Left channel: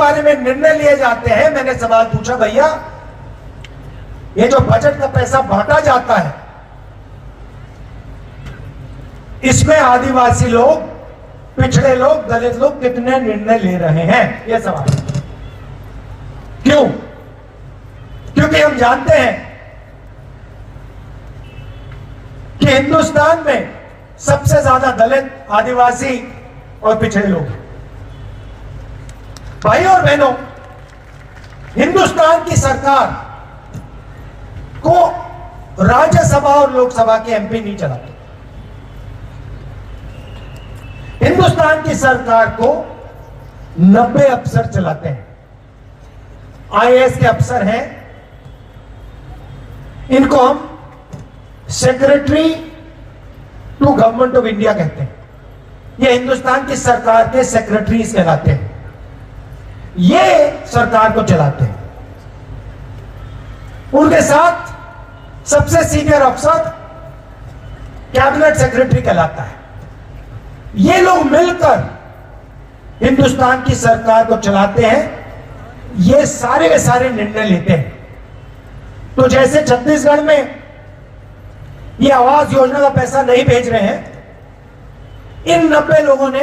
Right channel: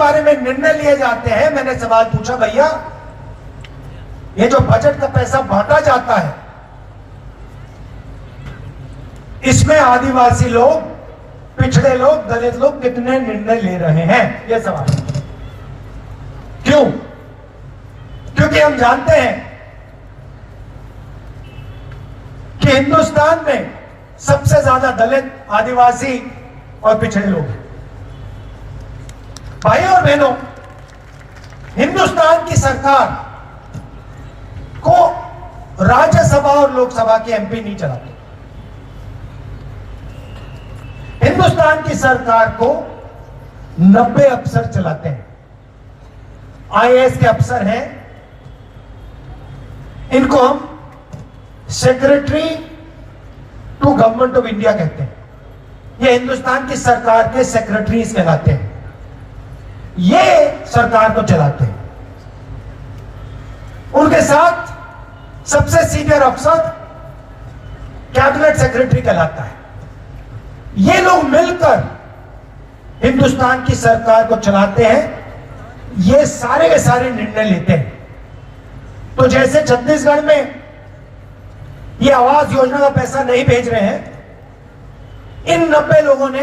बारे में निर्णय लिए जाते हैं। मैंने सवाल पूछा, भैया ये जो बजट का पैसा बांटा जाता है, इसमें आदिवासी लोग, पिछड़े लोग, दलित लोग कितने निर्णय ले रहे हैं? यह सवाल। क्यों? क्योंकि हम जानते हैं कि हिंदुस्तान में सबसे ज्यादा दलित, आदिवासी और पिछड़े लोग हैं। भाई और बहनों, हिंदुस्तान की सरकार को राज्यसभा और लोकसभा के एमपी नहीं चलाते। हिंदुस्तान की सरकार को 90 अफसर चलाते हैं। आईएएस के अफसर हैं, इनको हम secretary to government of India कहते हैं। ये हिंदुस्तान की सरकार के सेक्रेटरीज कहलाते हैं। ये सरकार को चलाते हैं। उनके साथ सबसे सीनियर अफसर कैबिनेट सेक्रेटरी कहलाता है। ये लोग मिलकर हिंदुस्तान की सरकार को चलाते हैं। ये सारे के सारे निर्णय लेते हैं। तो जैसे छत्तीसगढ़ में ये आवास योजना का पैसा नहीं भेज रहे हैं, इन 90 लोगों ने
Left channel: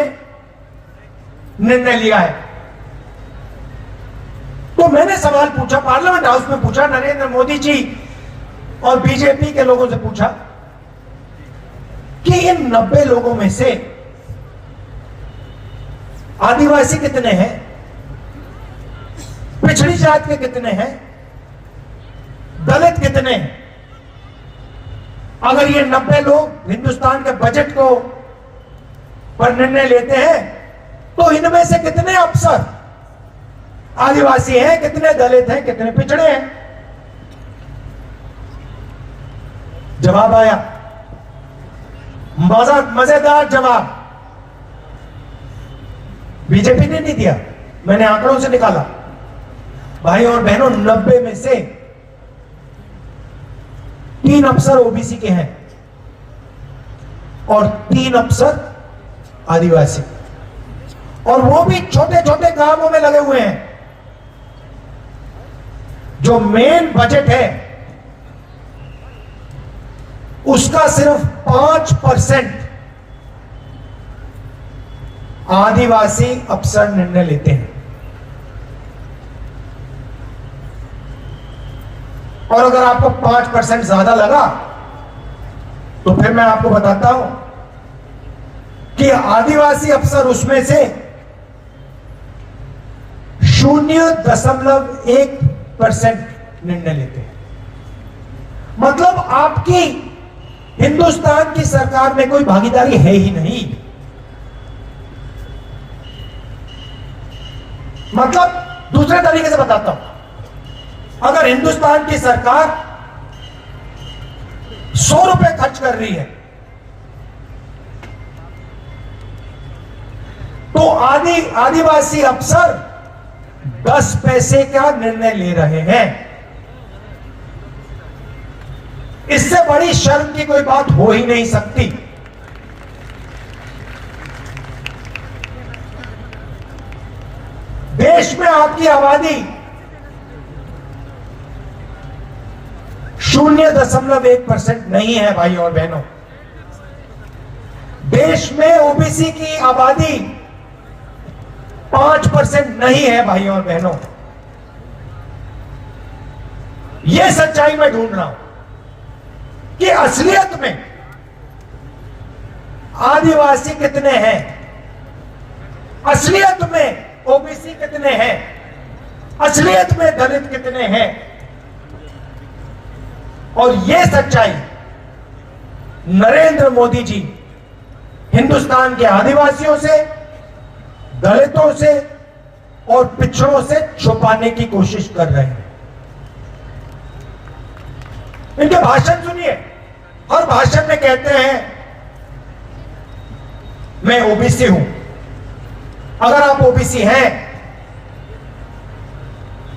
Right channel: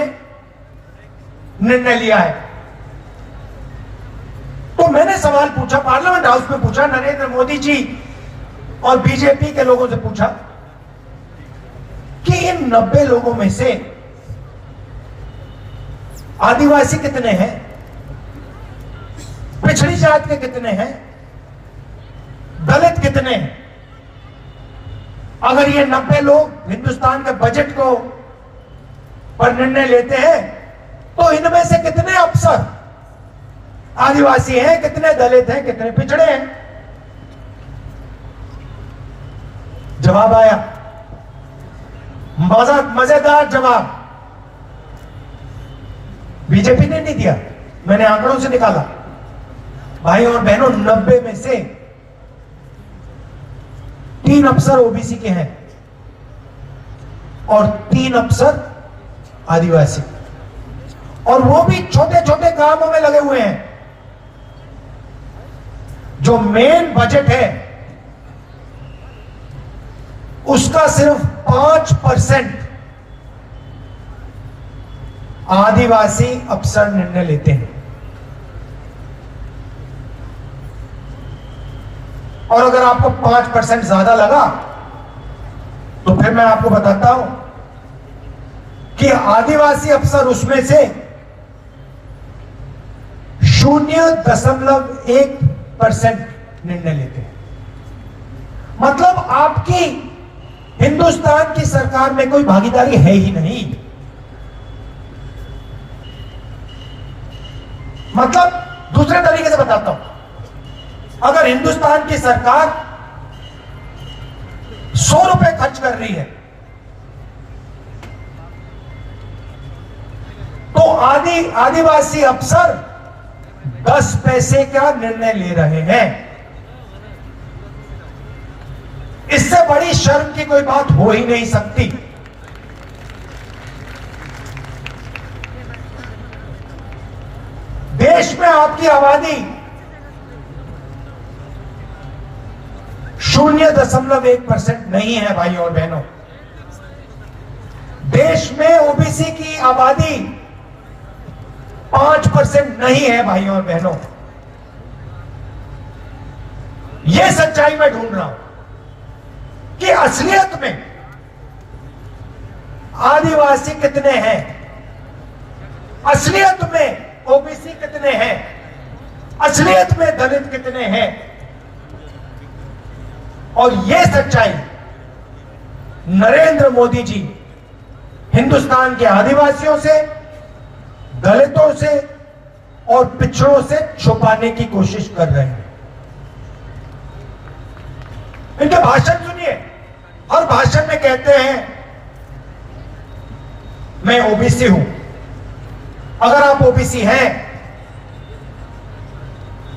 निर्णय लिया है। तो मैंने सवाल पूछा, पार्लियामेंट हाउस में पूछा, नरेंद्र मोदी जी और बीजेपी के लोगों से पूछा कि इन 90 लोगों में से आदिवासी कितने हैं, पिछड़ी जात के कितने हैं, दलित कितने हैं? अगर ये 90 लोग हिंदुस्तान के बजट को पर निर्णय लेते हैं, तो इनमें से कितने अफसर आदिवासी हैं, कितने दलित हैं, कितने पिछड़े हैं? जवाब आया, मजेदार जवाब। बीजेपी ने नहीं दिया, मैंने आंकड़ों से निकाला। भाई और बहनों, 90 में से 3 अफसर ओबीसी के हैं और 3 अफसर आदिवासी, और वो भी छोटे छोटे कामों में लगे हुए हैं। जो मेन बजट है उसका सिर्फ 5% आदिवासी अफसर निर्णय लेते हैं। और अगर आपको 5% ज्यादा लगा तो फिर मैं आपको बताता हूं कि आदिवासी अफसर उसमें से 0.1% निर्णय लेते हैं। मतलब आपकी हिंदुस्तान की सरकार में कोई भागीदारी है ही नहीं। मतलब दूसरे तरीके से बताता हूं, अगर हिंदुस्तान की सरकार 100 रुपए खर्च कर रही है, तो आदिवासी अफसर 10 पैसे का निर्णय ले रहे हैं। इससे बड़ी शर्म की कोई बात हो ही नहीं सकती। देश में आपकी आबादी 0.1% नहीं है भाई और बहनों। देश में ओबीसी की आबादी 5% नहीं है भाई और बहनों। यह सच्चाई मैं ढूंढ रहा हूं कि असलियत में आदिवासी कितने हैं, असलियत में ओबीसी कितने हैं, असलियत में दलित कितने हैं। और यह सच्चाई नरेंद्र मोदी जी हिंदुस्तान के आदिवासियों से, दलितों से और पिछड़ों से छुपाने की कोशिश कर रहे हैं। इनके भाषण सुनिए, हर भाषण में कहते हैं मैं ओबीसी हूं। अगर आप ओबीसी हैं,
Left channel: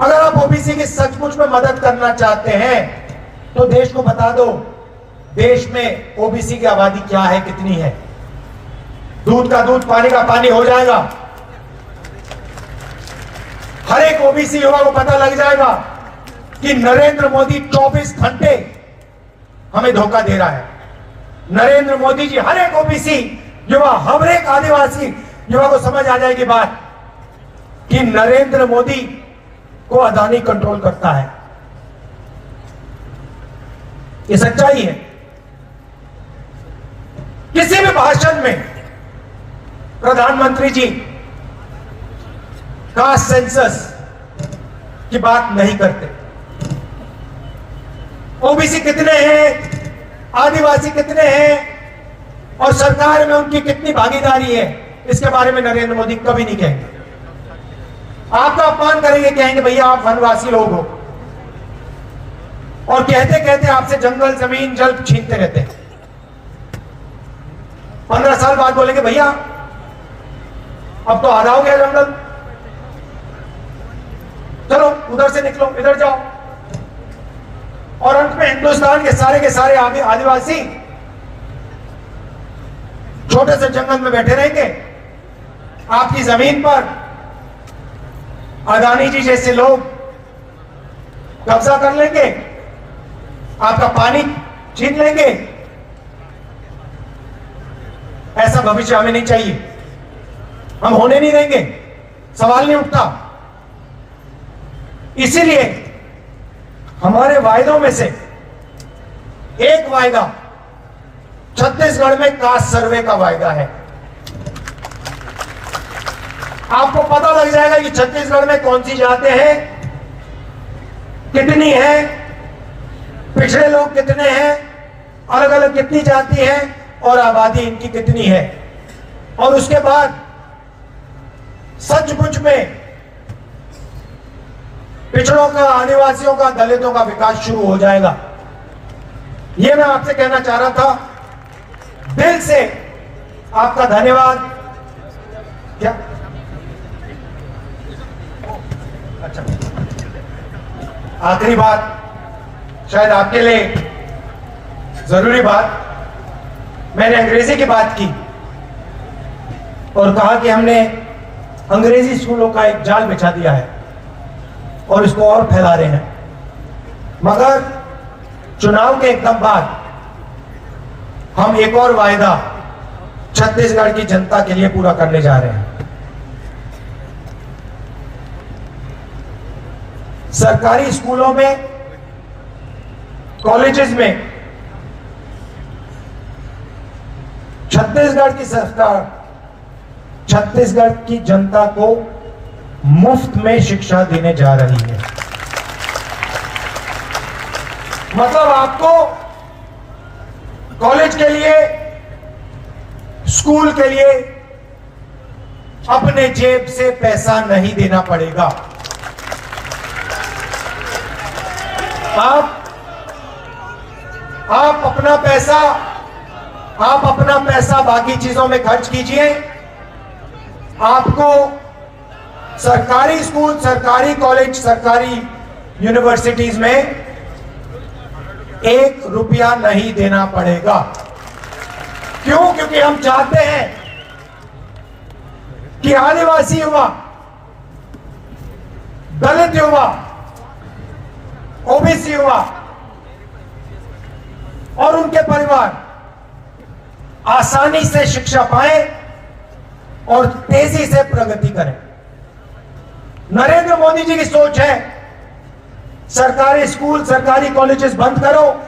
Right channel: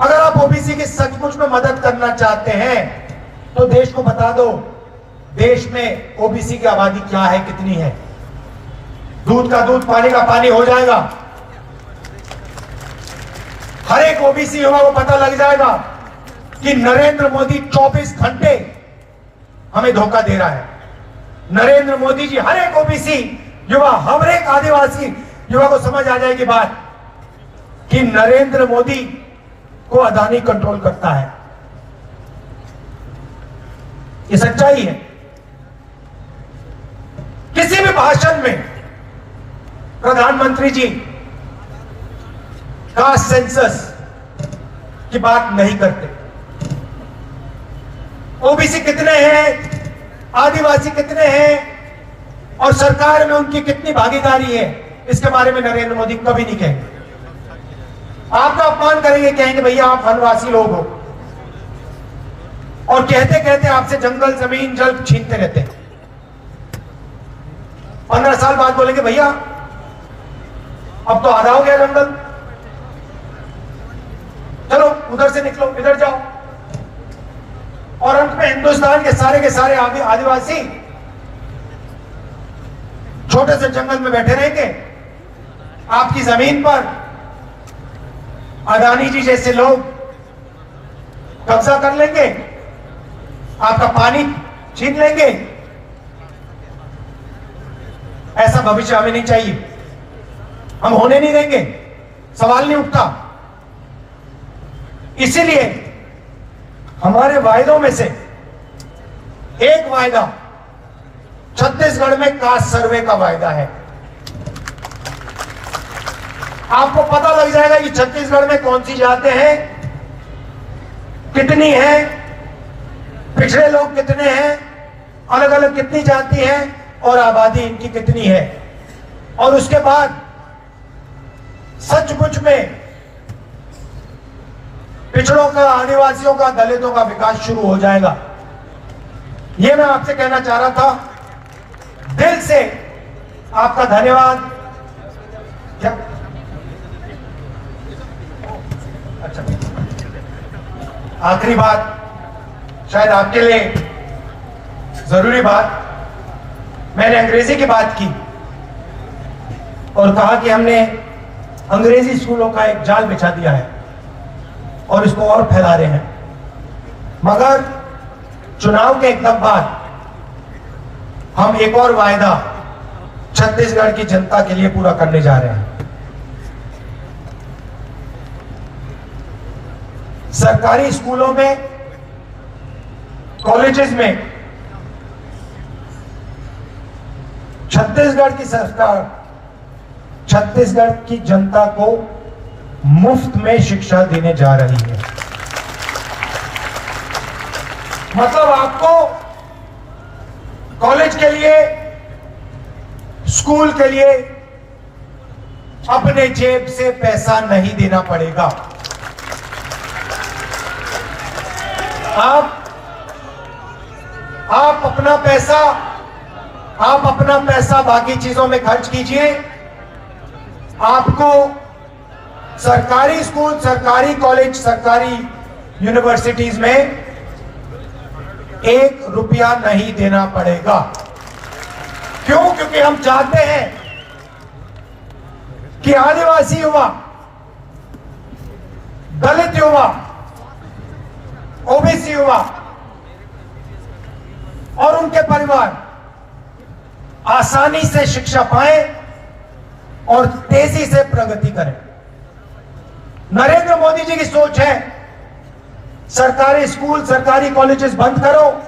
अगर आप ओबीसी की सचमुच में मदद करना चाहते हैं, तो देश को बता दो देश में ओबीसी की आबादी क्या है, कितनी है। दूध का दूध, पानी का पानी हो जाएगा। ओबीसी युवा को पता लग जाएगा कि नरेंद्र मोदी 24 घंटे हमें धोखा दे रहा है। नरेंद्र मोदी जी हर एक ओबीसी युवा, हर एक आदिवासी युवा को समझ आ जाएगी बात कि नरेंद्र मोदी को अदानी कंट्रोल करता है। ये सच्चाई है। किसी भी भाषण में प्रधानमंत्री जी कास्ट सेंसस की बात नहीं करते। ओबीसी कितने हैं, आदिवासी कितने हैं और सरकार में उनकी कितनी भागीदारी है, इसके बारे में नरेंद्र मोदी कभी नहीं कहेंगे। आपका अपमान करेंगे, कहेंगे भैया आप वनवासी लोग हो, और कहते कहते आपसे जंगल जमीन जल छीनते रहते हैं। 15 साल बाद बोलेंगे भैया अब तो आधा हो गया जंगल, चलो उधर से निकलो, इधर जाओ। और अंत में हिंदुस्तान के सारे आदिवासी छोटे से जंगल में बैठे रहेंगे। आपकी जमीन पर अदानी जी जैसे लोग कब्जा कर लेंगे, आपका पानी छीन लेंगे। ऐसा भविष्य हमें नहीं चाहिए, हम होने नहीं देंगे, सवाल नहीं उठता। इसीलिए हमारे वायदों में से एक वायदा छत्तीसगढ़ में कास्ट सर्वे का वायदा है। आपको पता लग जाएगा कि छत्तीसगढ़ में कौन सी जातें हैं, कितनी हैं, पिछड़े लोग कितने हैं, अलग अलग कितनी जाति है और आबादी इनकी कितनी है। और उसके बाद सचमुच में पिछड़ों का, आदिवासियों का, दलितों का विकास शुरू हो जाएगा। यह मैं आपसे कहना चाह रहा था। दिल से आपका धन्यवाद। क्या अच्छा, आखिरी बात, शायद आपके लिए जरूरी बात, मैंने अंग्रेजी की बात की और कहा कि हमने अंग्रेजी स्कूलों का एक जाल बिछा दिया है और इसको और फैला रहे हैं। मगर चुनाव के एकदम बाद हम एक और वायदा छत्तीसगढ़ की जनता के लिए पूरा करने जा रहे हैं। सरकारी स्कूलों में, कॉलेजेस में छत्तीसगढ़ की सरकार छत्तीसगढ़ की जनता को मुफ्त में शिक्षा देने जा रही है। मतलब आपको कॉलेज के लिए, स्कूल के लिए अपने जेब से पैसा नहीं देना पड़ेगा। आप अपना पैसा बाकी चीजों में खर्च कीजिए। आपको सरकारी स्कूल, सरकारी कॉलेज, सरकारी यूनिवर्सिटीज में 1 रुपया नहीं देना पड़ेगा। क्यों? क्योंकि हम चाहते हैं कि आदिवासी युवा, दलित युवा, ओबीसी युवा और उनके परिवार आसानी से शिक्षा पाएं और तेजी से प्रगति करें। नरेंद्र मोदी जी की सोच है सरकारी स्कूल, सरकारी कॉलेजेस बंद करो,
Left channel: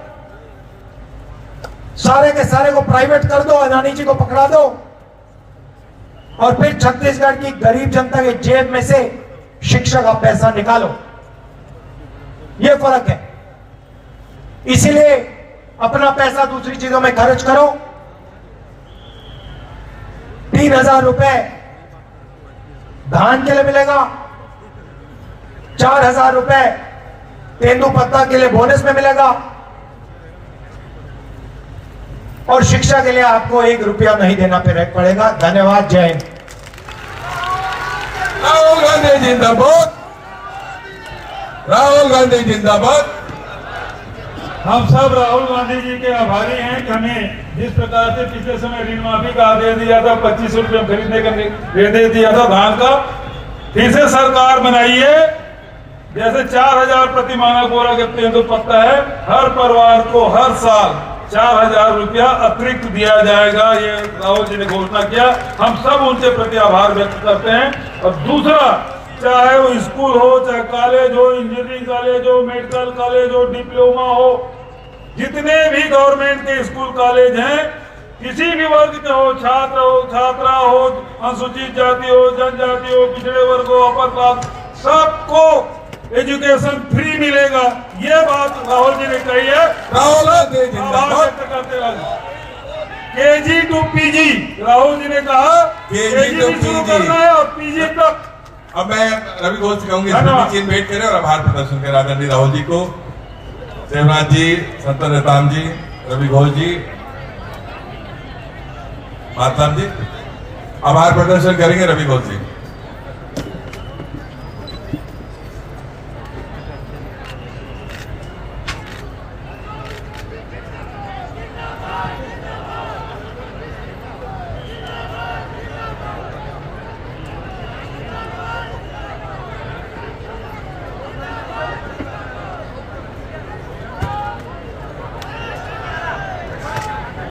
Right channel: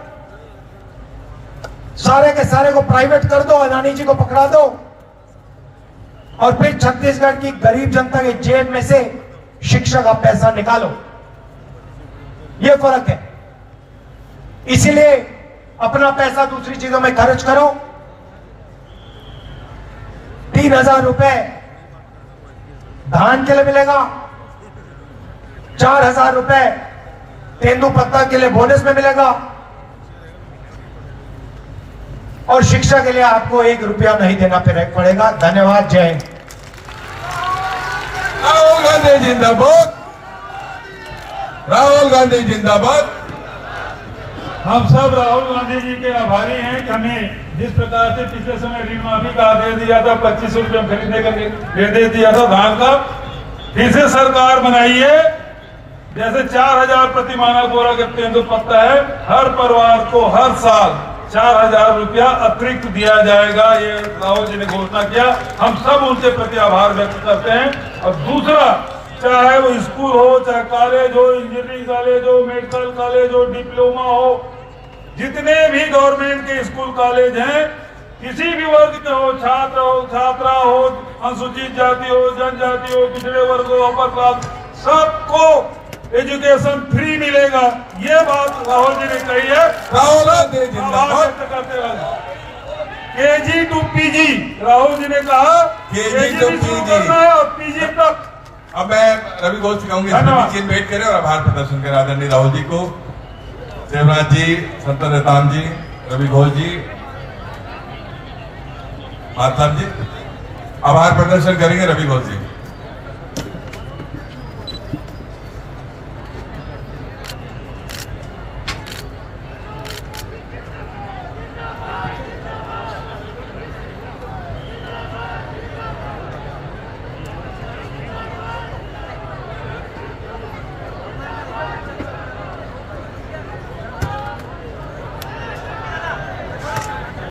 सारे के सारे को प्राइवेट कर दो, अदानी जी को पकड़ा दो और फिर छत्तीसगढ़ की गरीब जनता के जेब में से शिक्षा का पैसा निकालो। यह फर्क है। इसीलिए अपना पैसा दूसरी चीजों में खर्च करो। 3000 रुपए धान के लिए मिलेगा, 4000 रुपए तेंदुपत्ता के लिए बोनस में मिलेगा और शिक्षा के लिए आपको 1 रुपया नहीं देना पड़ेगा। धन्यवाद। जय हिंद। राहुल गांधी जिंदाबाद, राहुल गांधी जिंदाबाद। हम सब राहुल गांधी जी के आभारी हैं कि हमें जिस प्रकार से पिछले समय ऋण माफी का आदेश दिया था, 25 रुपये खरीदने का दे दिया था धान का, फिर से सरकार बनाई है जैसे 4000 प्रति मानक बोरा करते हैं तो पता है हर परिवार को हर साल 4000 रुपया अतिरिक्त दिया जाएगा। ये राहुल जी ने घोषणा किया, हम सब उनके प्रति आभार व्यक्त करते हैं। और दूसरा, चाहे वो स्कूल हो, चाहे कॉलेज हो, इंजीनियरिंग कॉलेज हो, मेडिकल कॉलेज हो, डिप्लोमा हो, जितने भी गवर्नमेंट के स्कूल कॉलेज हैं, किसी भी वर्ग के हो, छात्र हो, छात्रा हो, अनुसूचित जाति हो, जनजाति हो, पिछड़े वर्ग हो, अपर क्लास, सबको एजुकेशन फ्री मिलेगा। ये बात राहुल जी ने कही है। राहुल गांधी आभार जिंदाबाद। व्यक्त करते रहे। KG two PG Rahul ji ने कहा, केजी टू भी शुरू पीजी। करना है और पीजी तक। अब मैं रवि घोष से कहूंगी धन्यवाद। चीन भेंट करें और आभार प्रदर्शन करें आदरणीय राहुल जी को, देवराज जी, संतोष रताम जी, रवि घोष जी, मातलाम जी, आभार प्रदर्शन करेंगे रवि घोष जी।